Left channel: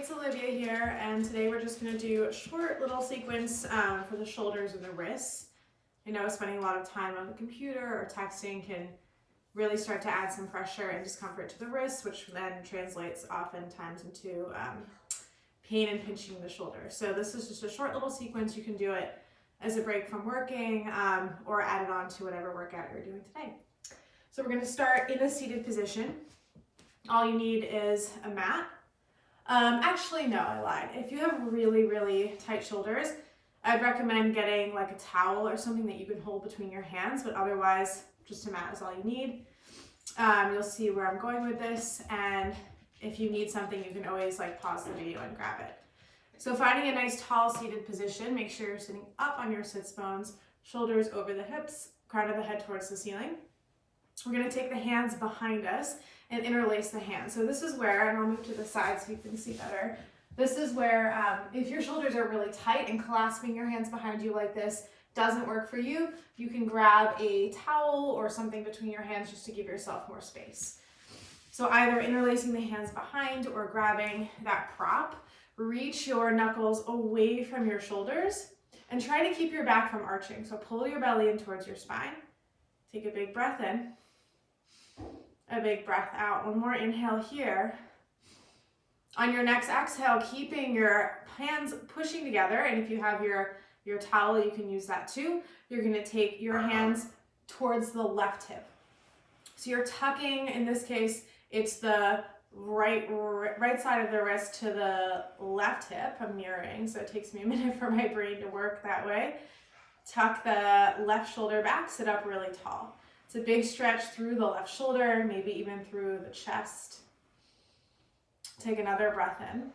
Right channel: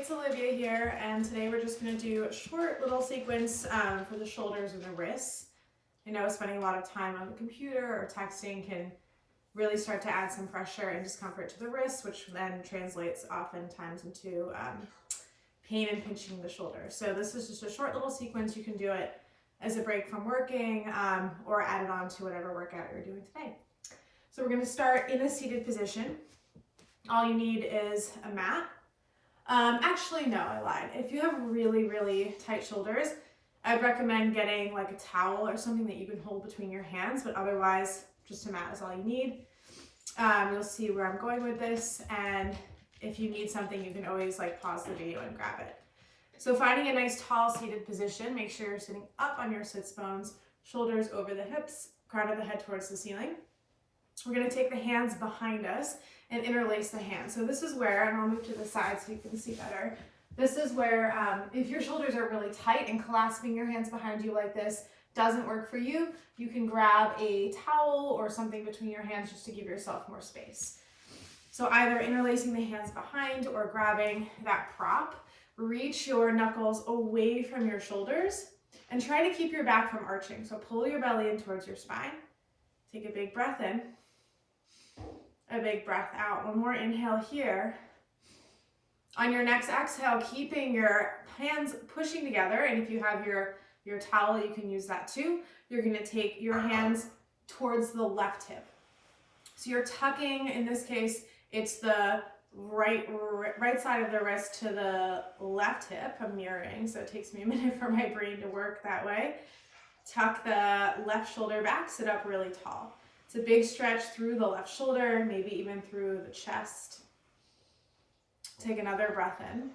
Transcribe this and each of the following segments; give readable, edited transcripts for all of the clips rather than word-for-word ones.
it's Olivia here, and today we're just going to do a short little sequence for the shoulders and the wrists. I know spending a lot of time on the computer or texting can really start to add some pressure and discomfort to the wrists, which then translates oftentimes into pain and pinching the shoulder. So this is just a short little sequence. You can do it as a break from working or add it on to whatever workout you're doing today. So we're going to start in a seated position. All you need is a mat. Actually, no, I lied. If you have really, really tight shoulders, I'd recommend getting like a towel or something that you can hold between your hands, but otherwise, just a mat is all you need. You'll see where I'm going with this, and if you need something, you can always like pause the video and grab it. So finding a nice tall seated position, make sure you're sitting up on your sits bones, shoulders over the hips, crown of the head towards the ceiling. We're going to take the hands behind us and interlace the hands. So this is where, and I'll move to the side so you can see better. This is where if your shoulders are really tight and clasping your hands behind you like this doesn't work for you, you can grab a towel or something between your hands just to give yourself more space. So either interlacing the hands behind or grabbing that prop, reach your knuckles away from your shoulders and try to keep your back from arching. So pull your belly in towards your spine. Take a big breath in. A big breath out. One more inhale here. On your next exhale, keeping your hands pushing together, and if you have your towel, you can use that too. You're going to take your hands towards the left hip. So you're tucking, in this case, it's the right side of the wrist to the left hip. I'm mirroring, so it takes me a minute for my brain to work that way. Tuck the left shoulder back, sit up really tall. It's a big stretch through the left shoulder, maybe even through the chest. Take another breath in.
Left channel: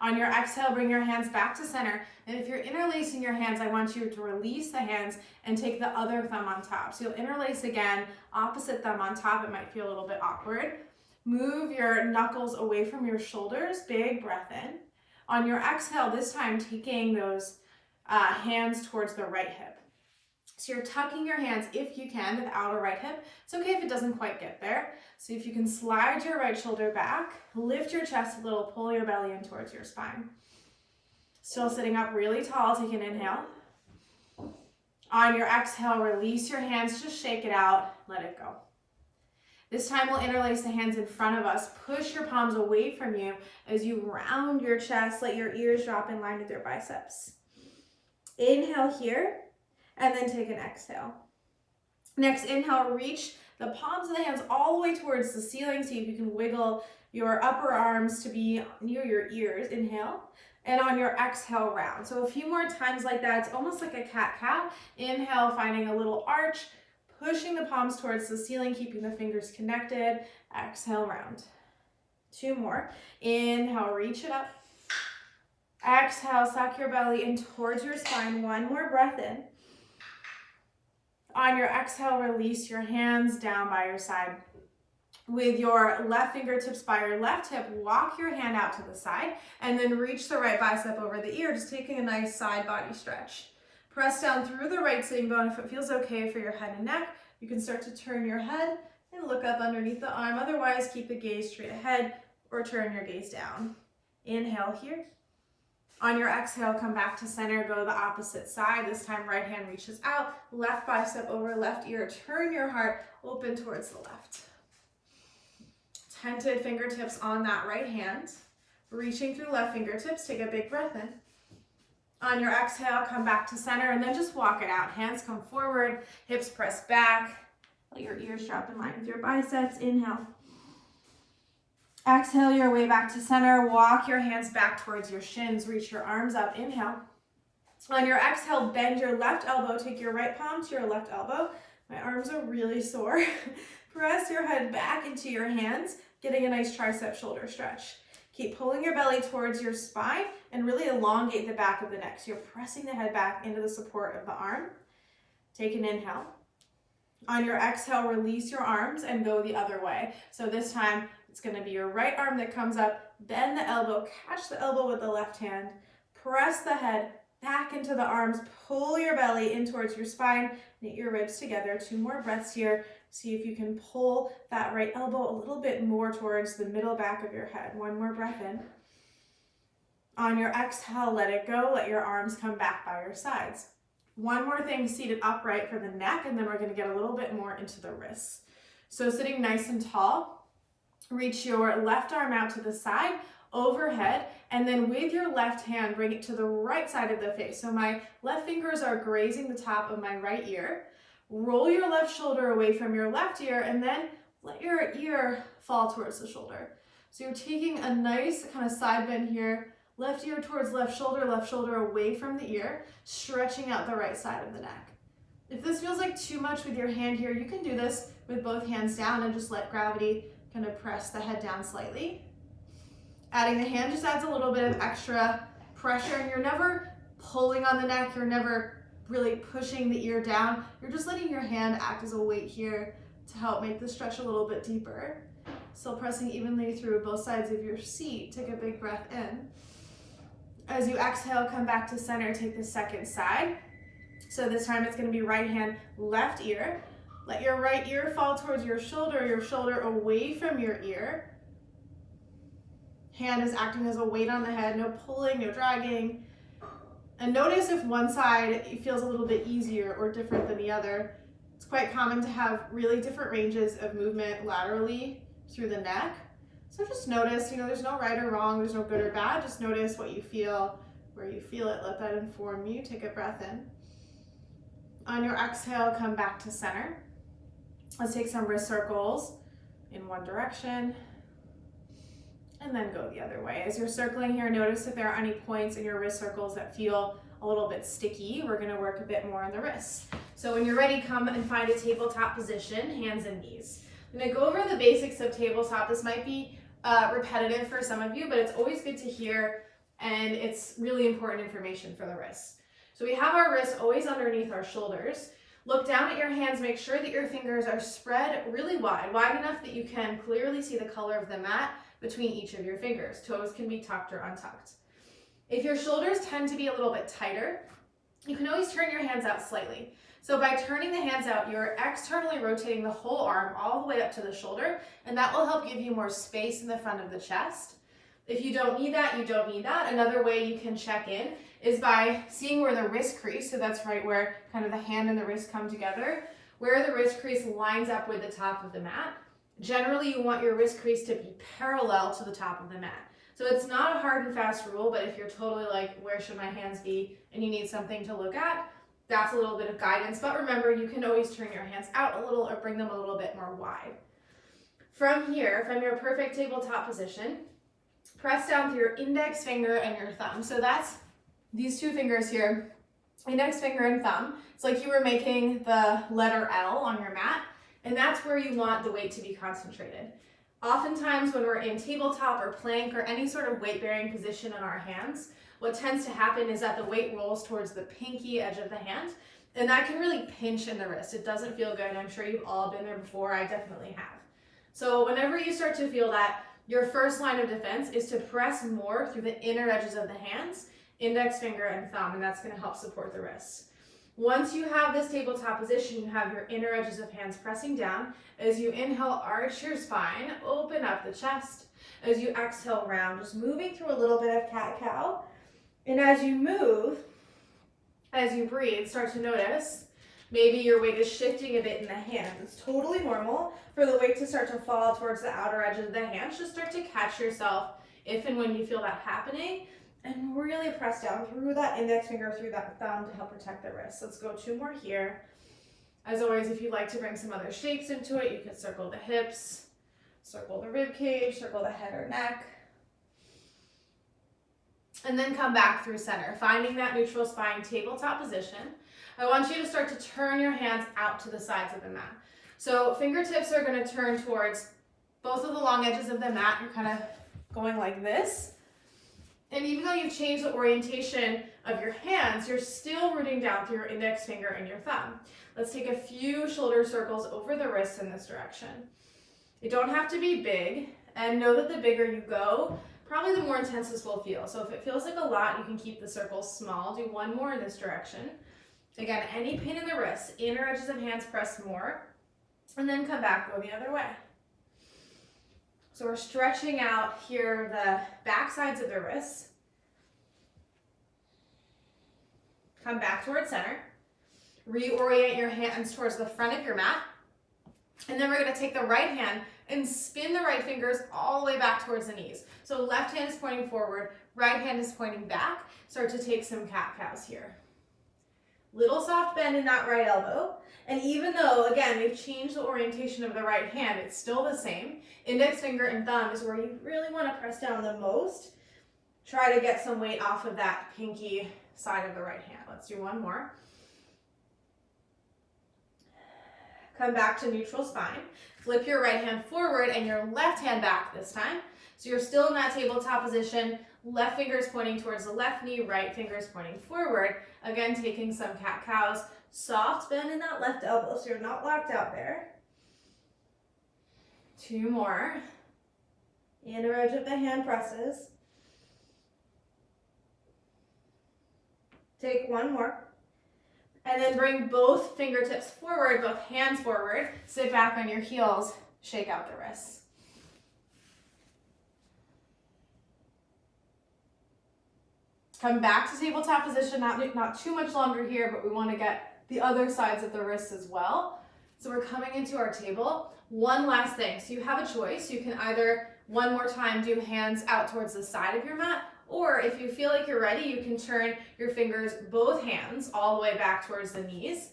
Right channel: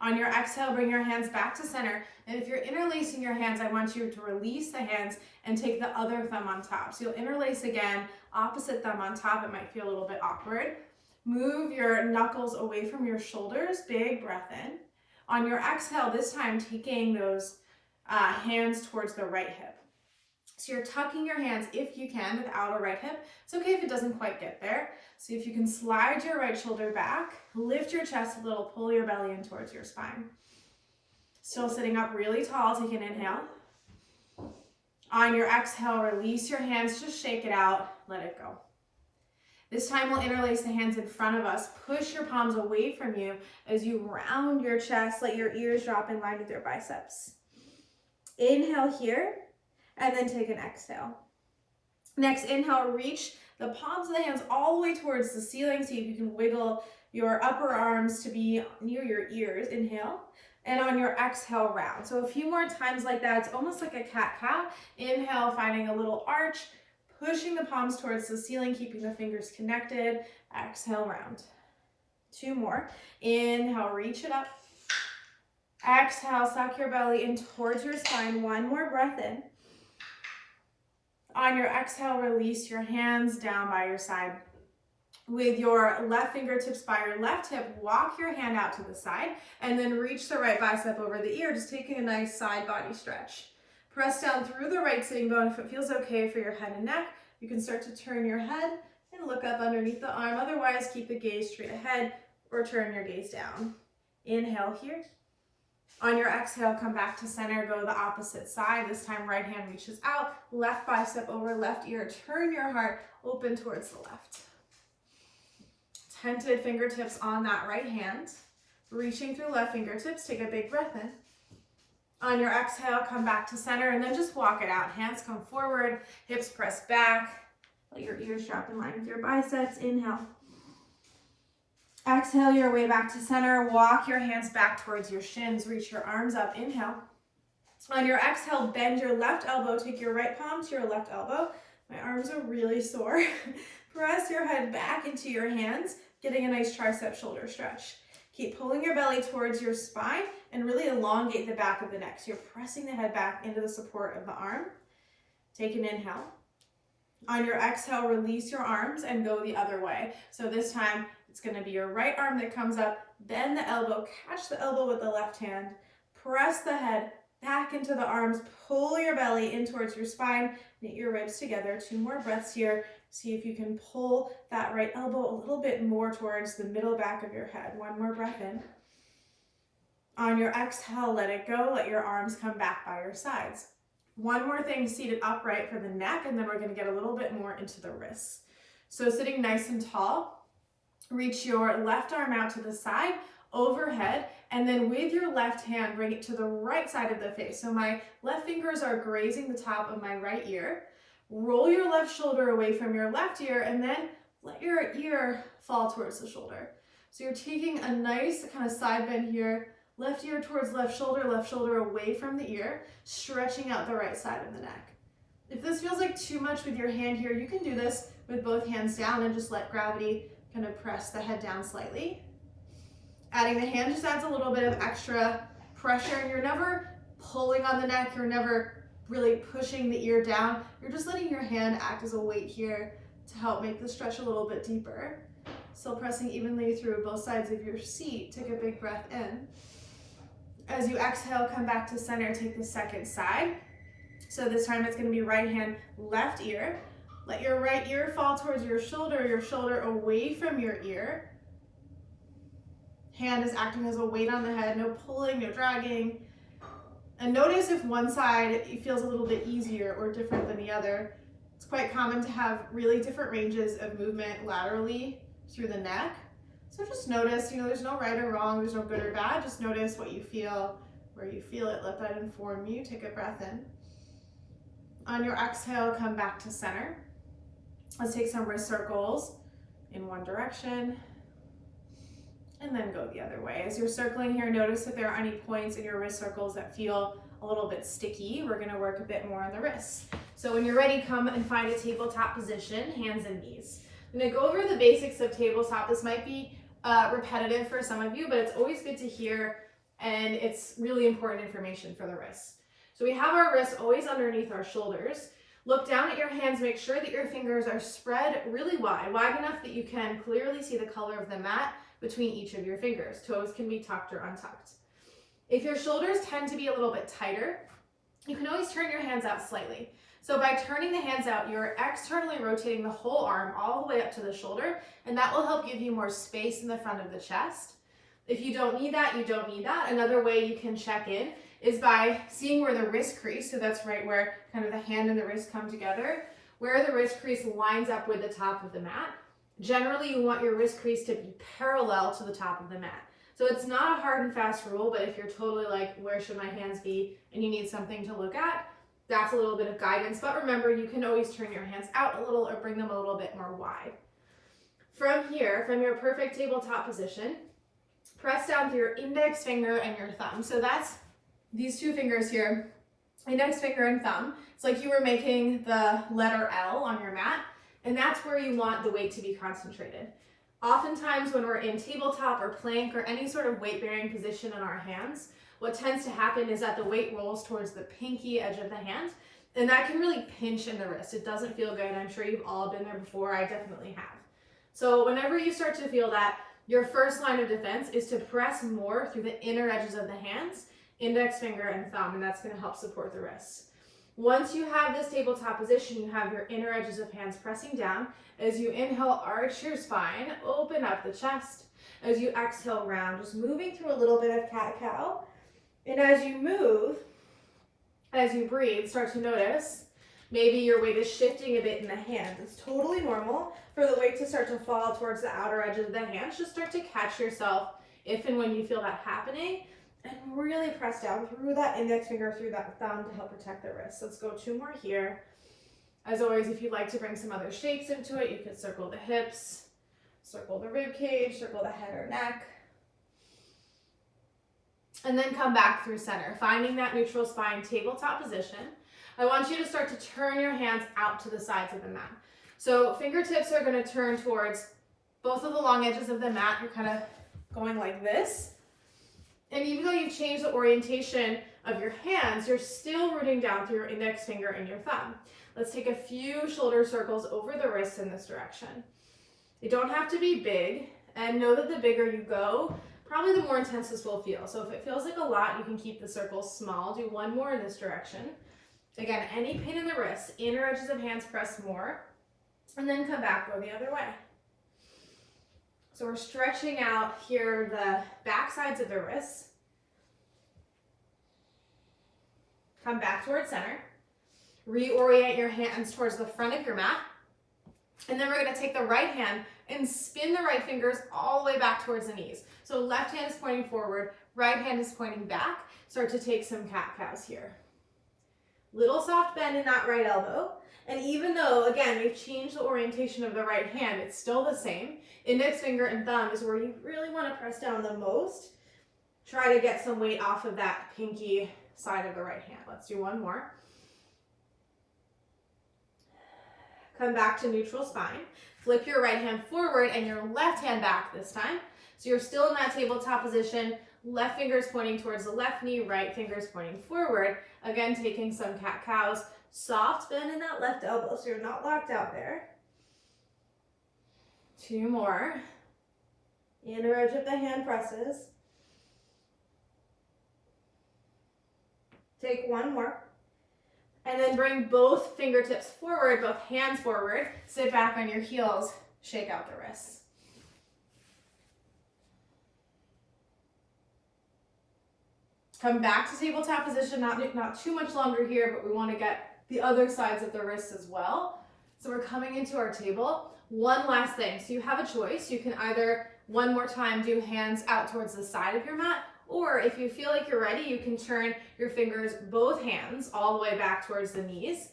On your exhale, bring your hands back to center. And if you're interlacing your hands, I want you to release the hands and take the other thumb on top. So you'll interlace again, opposite thumb on top. It might feel a little bit awkward. Move your knuckles away from your shoulders. Big breath in. On your exhale, this time taking those hands towards the right hip. So you're tucking your hands, if you can, with the outer right hip. It's okay if it doesn't quite get there. So if you can slide your right shoulder back, lift your chest a little, pull your belly in towards your spine. Still sitting up really tall, take an inhale. On your exhale, release your hands, just shake it out, let it go. This time we'll interlace the hands in front of us. Push your palms away from you as you round your chest, let your ears drop in line with your biceps. Inhale here. And then take an exhale. Next inhale, reach the palms of the hands all the way towards the ceiling. See if you can wiggle your upper arms to be near your ears. Inhale. And on your exhale, round. So a few more times like that. It's almost like a cat-cow. Inhale, finding a little arch. Pushing the palms towards the ceiling, keeping the fingers connected. Exhale, round. Two more. Inhale, reach it up. Exhale, suck your belly in towards your spine. One more breath in. On your exhale, release your hands down by your side. With your left fingertips by your left hip, walk your hand out to the side and then reach the right bicep over the ear, just taking a nice side body stretch. Press down through the right sitting bone. If it feels okay for your head and neck, you can start to turn your head and look up underneath the arm. Otherwise, keep the gaze straight ahead or turn your gaze down. Inhale here. On your exhale, come back to center, go the opposite side. This time, right hand reaches out, left bicep over left ear. Turn your heart open towards the left. Tented fingertips on that right hand. Reaching through left fingertips, take a big breath in. On your exhale, come back to center and then just walk it out. Hands come forward, hips press back. Let your ears drop in line with your biceps. Inhale. Exhale your way back to center. Walk your hands back towards your shins. Reach your arms up. Inhale. On your exhale, bend your left elbow. Take your right palm to your left elbow. My arms are really sore. Press your head back into your hands, getting a nice tricep shoulder stretch. Keep pulling your belly towards your spine and really elongate the back of the neck. So you're pressing the head back into the support of the arm. Take an inhale. On your exhale, release your arms and go the other way. So this time, it's going to be your right arm that comes up, bend the elbow, catch the elbow with the left hand, press the head back into the arms, pull your belly in towards your spine, knit your ribs together. Two more breaths here. See if you can pull that right elbow a little bit more towards the middle back of your head. One more breath in. On your exhale, let it go. Let your arms come back by your sides. One more thing, seated upright for the neck, and then we're gonna get a little bit more into the wrists. So sitting nice and tall, reach your left arm out to the side, overhead, and then with your left hand, bring it to the right side of the face. So my left fingers are grazing the top of my right ear. Roll your left shoulder away from your left ear, and then let your ear fall towards the shoulder. So you're taking a nice kind of side bend here, left ear towards left shoulder away from the ear, stretching out the right side of the neck. If this feels like too much with your hand here, you can do this with both hands down and just let gravity kind of press the head down slightly. Adding the hand just adds a little bit of extra pressure, and you're never pulling on the neck, you're never really pushing the ear down. You're just letting your hand act as a weight here to help make the stretch a little bit deeper. Still pressing evenly through both sides of your seat. Take a big breath in. As you exhale, come back to center, take the second side. So this time it's gonna be right hand, left ear. Let your right ear fall towards your shoulder away from your ear. Hand is acting as a weight on the head, no pulling, no dragging. And notice if one side feels a little bit easier or different than the other. It's quite common to have really different ranges of movement laterally through the neck. So just notice, there's no right or wrong, there's no good or bad. Just notice what you feel, where you feel it. Let that inform you. Take a breath in. On your exhale, come back to center. Let's take some wrist circles in one direction and then go the other way. As you're circling here, notice if there are any points in your wrist circles that feel a little bit sticky. We're gonna work a bit more on the wrists. So when you're ready, come and find a tabletop position, hands and knees. I'm gonna go over the basics of tabletop. This might be repetitive for some of you, but it's always good to hear, and it's really important information for the wrists. So we have our wrists always underneath our shoulders. Look down at your hands, make sure that your fingers are spread really wide enough that you can clearly see the color of the mat between each of your fingers. Toes can be tucked or untucked. If your shoulders tend to be a little bit tighter, you can always turn your hands out slightly. So by turning the hands out, you're externally rotating the whole arm all the way up to the shoulder, and that will help give you more space in the front of the chest. If you don't need that, you don't need that. Another way you can check in is by seeing where the wrist crease, so that's right where kind of the hand and the wrist come together, where the wrist crease lines up with the top of the mat. Generally, you want your wrist crease to be parallel to the top of the mat. So it's not a hard and fast rule, but if you're totally like, where should my hands be, and you need something to look at, that's a little bit of guidance. But remember, you can always turn your hands out a little or bring them a little bit more wide. From here, from your perfect tabletop position, press down through your index finger and your thumb. So that's these two fingers here, index finger and thumb. It's like you were making the letter L on your mat, and that's where you want the weight to be concentrated. Oftentimes when we're in tabletop or plank or any sort of weight-bearing position in our hands, what tends to happen is that the weight rolls towards the pinky edge of the hand, and that can really pinch in the wrist. It doesn't feel good. I'm sure you've all been there before. I definitely have. So whenever you start to feel that, your first line of defense is to press more through the inner edges of the hands, index finger and thumb, and that's going to help support the wrists. Once you have this tabletop position, you have your inner edges of hands pressing down. As you inhale, arch your spine, open up the chest. As you exhale, round, just moving through a little bit of cat-cow. And as you move, as you breathe, start to notice maybe your weight is shifting a bit in the hands. It's totally normal for the weight to start to fall towards the outer edges of the hands. Just start to catch yourself if and when you feel that happening, and really press down through that index finger, through that thumb to help protect the wrist. Let's go 2 more here. As always, if you'd like to bring some other shapes into it, you could circle the hips, circle the rib cage, circle the head or neck, and then come back through center, finding that neutral spine tabletop position. I want you to start to turn your hands out to the sides of the mat. So fingertips are going to turn towards both of the long edges of the mat. You're kind of going like this. And even though you've changed the orientation of your hands, you're still rooting down through your index finger and your thumb. Let's take a few shoulder circles over the wrists in this direction. They don't have to be big, and know that the bigger you go, probably the more intense this will feel. So if it feels like a lot, you can keep the circles small. Do 1 more in this direction. Again, any pain in the wrists, inner edges of hands press more. And then come back, go the other way. So we're stretching out here the back sides of the wrists. Come back towards center. Reorient your hands towards the front of your mat. And then we're going to take the right hand and spin the right fingers all the way back towards the knees. So left hand is pointing forward, right hand is pointing back. Start to take some cat-cows here. Little soft bend in that right elbow. And even though, again, we've changed the orientation of the right hand, it's still the same. Index finger and thumb is where you really want to press down the most. Try to get some weight off of that pinky side of the right hand. Let's do one more. Come back to neutral spine. Flip your right hand forward and your left hand back this time. So you're still in that tabletop position. Left finger is pointing towards the left knee, right finger is pointing forward. Again, taking some cat-cows. Soft bend in that left elbow so you're not locked out there. 2 more. Inner edge of the hand presses. Take 1 more. And then bring both fingertips forward, both hands forward. Sit back on your heels, shake out the wrists. Come back to tabletop position, not too much longer here, but we want to get the other sides of the wrists as well. So we're coming into our table. One last thing, so you have a choice. You can either one more time do hands out towards the side of your mat, or if you feel like you're ready, you can turn your fingers, both hands, all the way back towards the knees.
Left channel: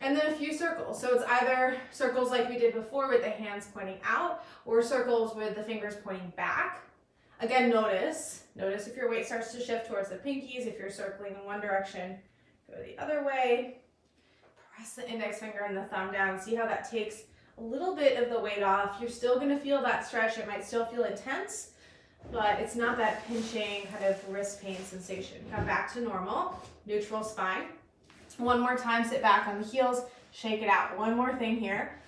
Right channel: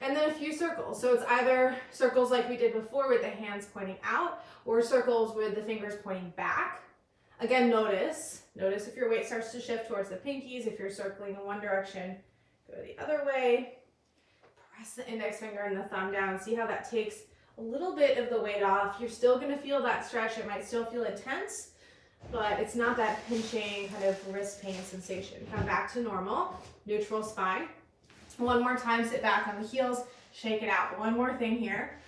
And then a few circles. So it's either circles like we did before with the hands pointing out, or circles with the fingers pointing back. Again, notice if your weight starts to shift towards the pinkies. If you're circling in one direction, go the other way. Press the index finger and the thumb down. See how that takes a little bit of the weight off. You're still going to feel that stretch. It might still feel intense, but it's not that pinching kind of wrist pain sensation. Come back to normal, neutral spine. One more time, sit back on the heels, shake it out. One more thing here.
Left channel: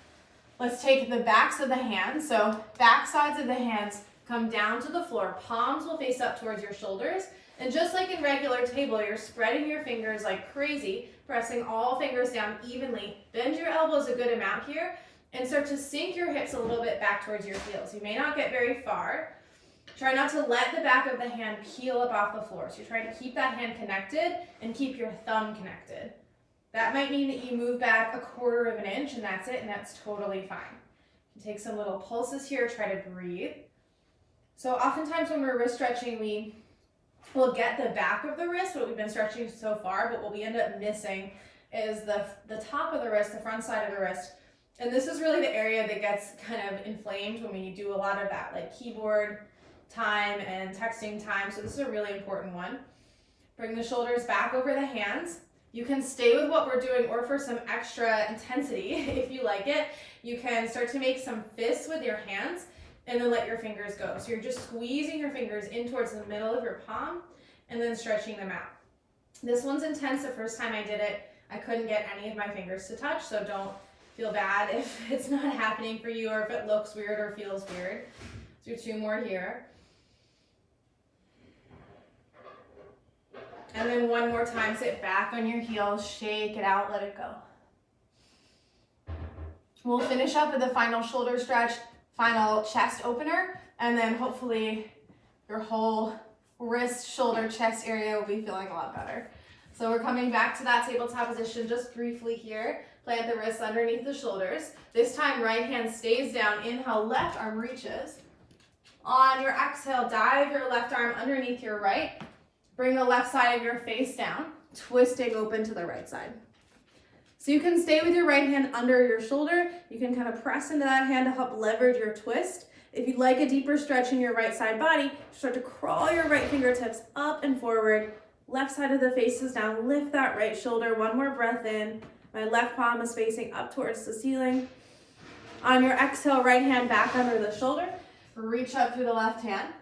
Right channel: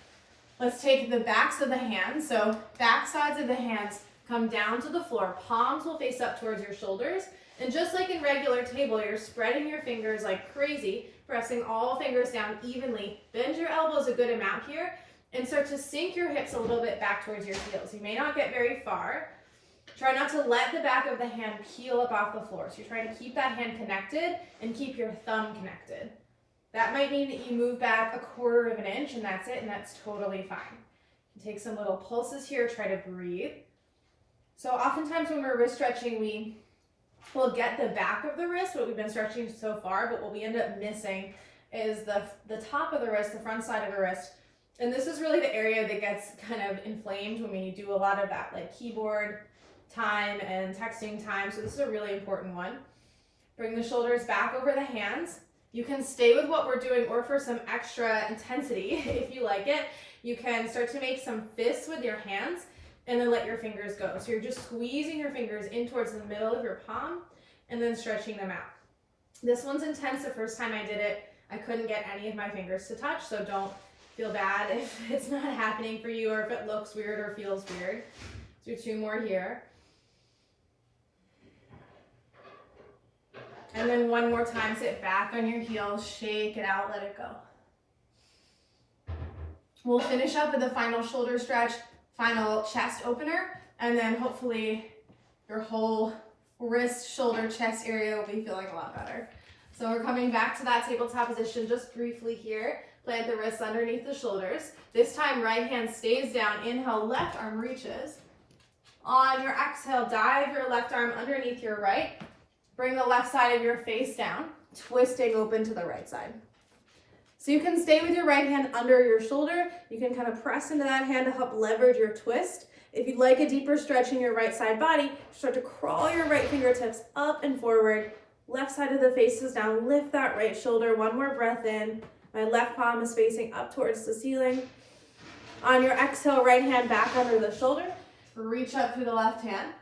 Let's take the backs of the hands. So back sides of the hands come down to the floor. Palms will face up towards your shoulders. And just like in regular table, you're spreading your fingers like crazy, pressing all fingers down evenly. Bend your elbows a good amount here and start to sink your hips a little bit back towards your heels. You may not get very far. Try not to let the back of the hand peel up off the floor. So you're trying to keep that hand connected and keep your thumb connected. That might mean that you move back 1/4 of an inch and that's it, and that's totally fine. You can take some little pulses here, try to breathe. So oftentimes when we're wrist stretching, we will get the back of the wrist, what we've been stretching so far, but what we end up missing is the top of the wrist, the front side of the wrist. And this is really the area that gets kind of inflamed when we do a lot of that like keyboard time and texting time. So this is a really important one. Bring the shoulders back over the hands. You can stay with what we're doing, or for some extra intensity, if you like it, you can start to make some fists with your hands and then let your fingers go. So you're just squeezing your fingers in towards the middle of your palm and then stretching them out. This one's intense. The first time I did it, I couldn't get any of my fingers to touch, so don't feel bad if it's not happening for you or if it looks weird or feels weird. Let's do 2 more here. And then one more time, sit back on your heels, shake it out, let it go. We'll finish up with the final shoulder stretch, final chest opener, and then hopefully your whole wrist, shoulder, chest area will be feeling a lot better. So we're coming back to that tabletop position just briefly here. Plant the wrists underneath the shoulders. This time, right hand stays down. Inhale, left arm reaches. On your exhale, dive your left arm underneath your right. Bring the left side of your face down, twisting open to the right side. So you can stay with your right hand under your shoulder. You can kind of press into that hand to help leverage your twist. If you'd like a deeper stretch in your right side body, start to crawl your right fingertips up and forward. Left side of the face is down. Lift that right shoulder. One more breath in. My left palm is facing up towards the ceiling. On your exhale, right hand back under the shoulder. Reach up through the left hand.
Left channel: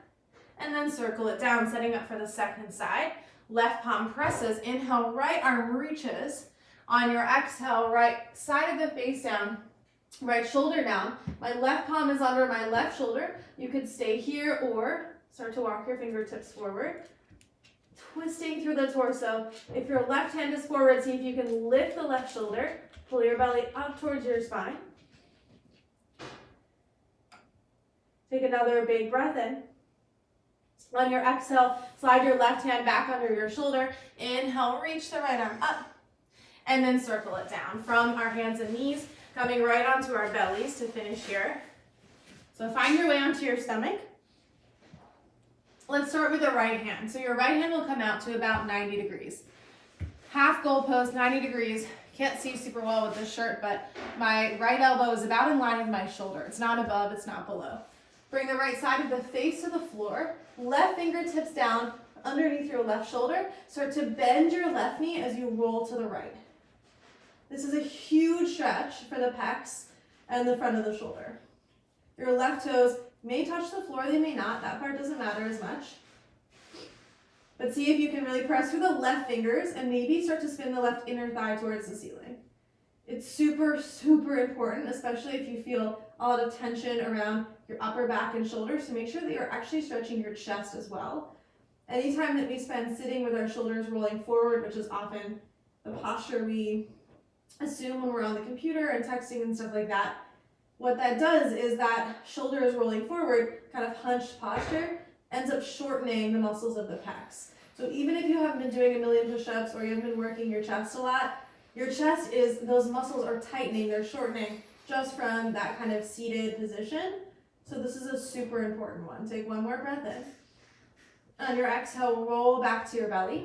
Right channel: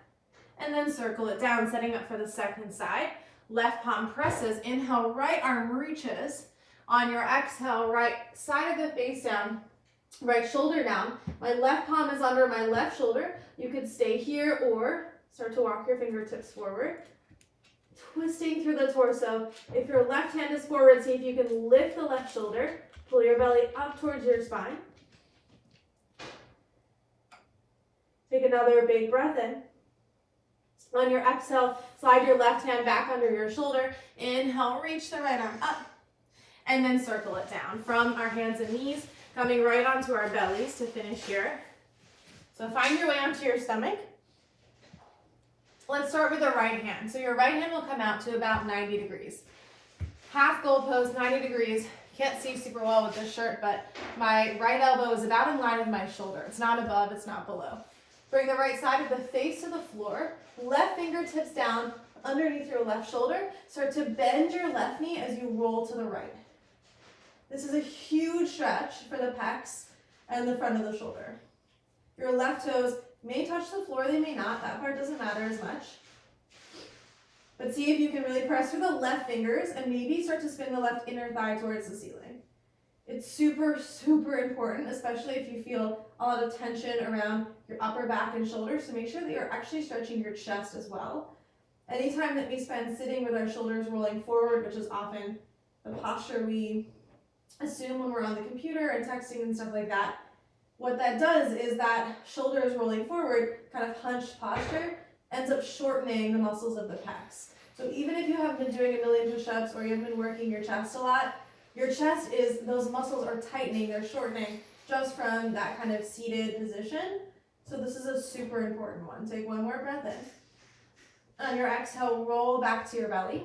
And then circle it down, setting up for the second side. Left palm presses. Inhale, right arm reaches. On your exhale, right side of the face down, right shoulder down. My left palm is under my left shoulder. You could stay here or start to walk your fingertips forward. Twisting through the torso. If your left hand is forward, see if you can lift the left shoulder. Pull your belly up towards your spine. Take another big breath in. On your exhale, slide your left hand back under your shoulder. Inhale, reach the right arm up, and then circle it down from our hands and knees, coming right onto our bellies to finish here. So find your way onto your stomach. Let's start with the right hand. So your right hand will come out to about 90 degrees. Half goal pose, 90 degrees. Can't see super well with this shirt, but my right elbow is about in line with my shoulder. It's not above, it's not below. Bring the right side of the face to the floor. Left fingertips down underneath your left shoulder. Start to bend your left knee as you roll to the right. This is a huge stretch for the pecs and the front of the shoulder. Your left toes may touch the floor, they may not. That part doesn't matter as much. But see if you can really press through the left fingers and maybe start to spin the left inner thigh towards the ceiling. It's super, super important, especially if you feel a lot of tension around your upper back and shoulders, to make sure that you're actually stretching your chest as well. Anytime that we spend sitting with our shoulders rolling forward, which is often the posture we assume when we're on the computer and texting and stuff like that, what that does is that shoulders rolling forward, kind of hunched posture, ends up shortening the muscles of the pecs. So even if you haven't been doing a million push-ups or you haven't been working your chest a lot, your chest is, those muscles are tightening, they're shortening just from that kind of seated position. So this is a super important one. Take one more breath in. On your exhale, roll back to your belly.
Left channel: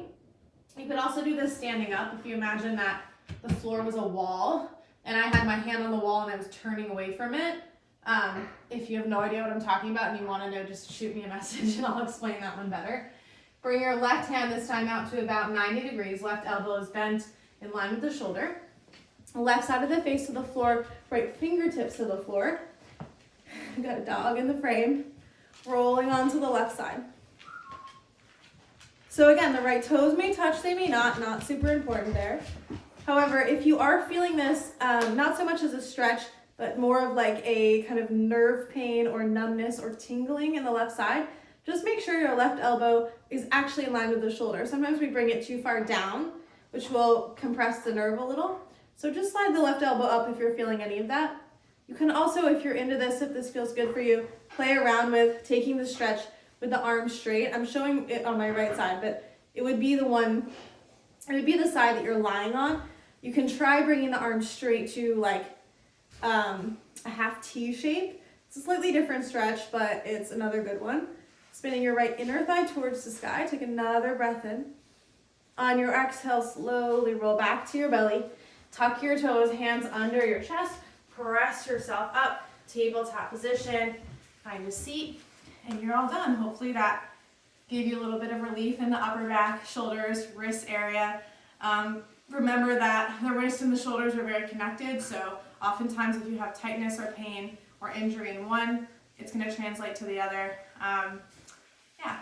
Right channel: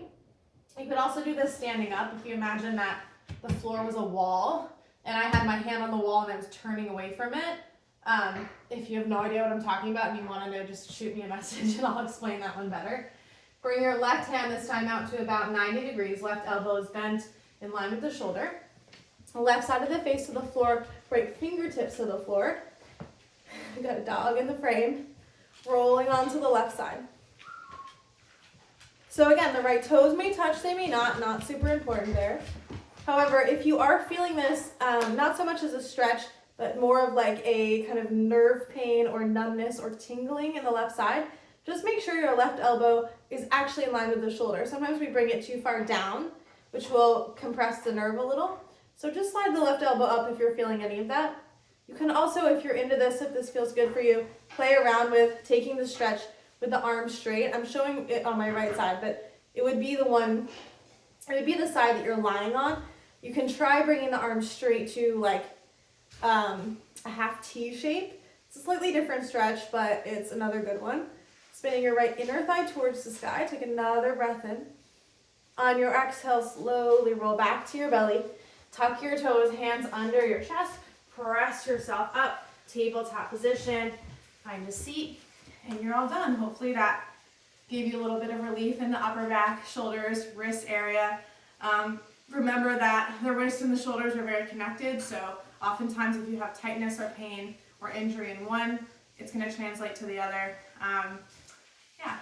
You could also do this standing up if you imagine that the floor was a wall and I had my hand on the wall and I was turning away from it. If you have no idea what I'm talking about and you want to know, just shoot me a message and I'll explain that one better. Bring your left hand this time out to about 90 degrees. Left elbow is bent in line with the shoulder. Left side of the face to the floor, right fingertips to the floor. I've got a dog in the frame. Rolling onto the left side. So again, the right toes may touch, they may not super important there. However, if you are feeling this, not so much as a stretch, but more of like a kind of nerve pain or numbness or tingling in the left side, just make sure your left elbow is actually in line with the shoulder. Sometimes we bring it too far down, which will compress the nerve a little. So just slide the left elbow up if you're feeling any of that. You can also, if you're into this, if this feels good for you, play around with taking the stretch with the arms straight. I'm showing it on my right side, but it would be the side that you're lying on. You can try bringing the arms straight to like a half T shape. It's a slightly different stretch, but it's another good one. Spinning your right inner thigh towards the sky. Take another breath in. On your exhale, slowly roll back to your belly. Tuck your toes, hands under your chest. Press yourself up, tabletop position. Find a seat, and you're all done. Hopefully that gave you a little bit of relief in the upper back, shoulders, wrist area. Remember that the wrist and the shoulders are very connected, so oftentimes if you have tightness or pain or injury in one, it's going to translate to the other. Yeah.